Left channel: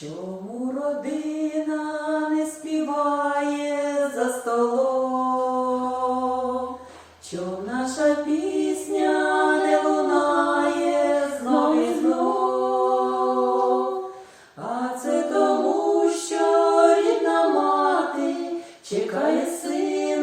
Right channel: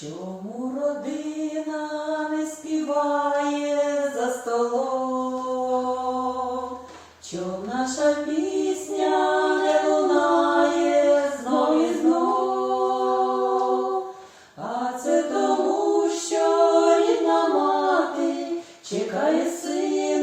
Чому родина не співає за столом? Чому наша пісня не лунає знов і знов? А це тому, що рідна мати чекає сина.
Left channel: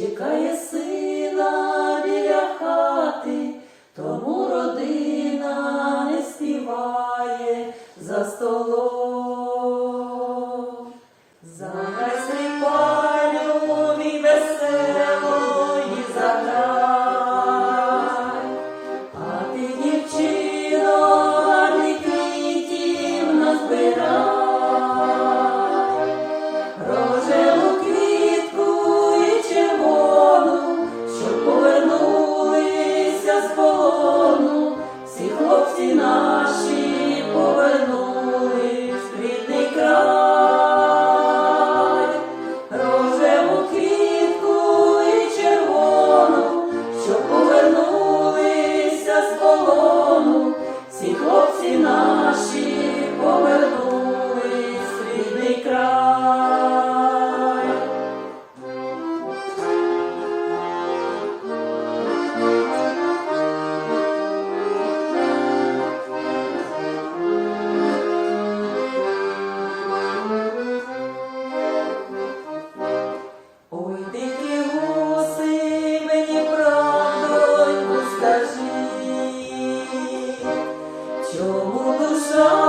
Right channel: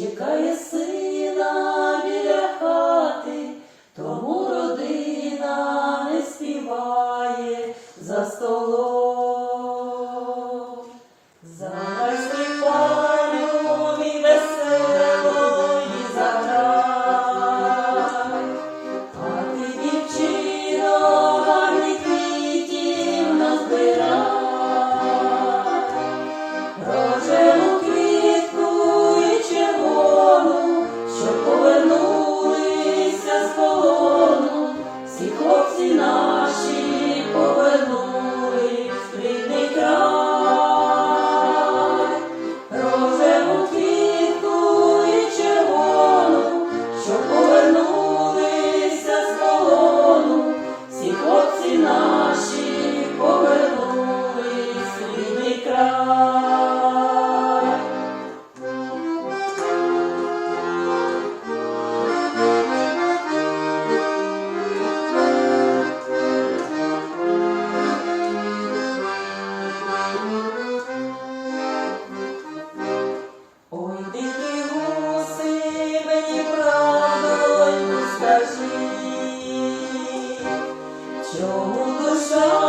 чекає сина біля хати, тому родина не співає за столом. como dos homens.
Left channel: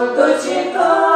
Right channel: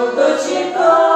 буду чекати.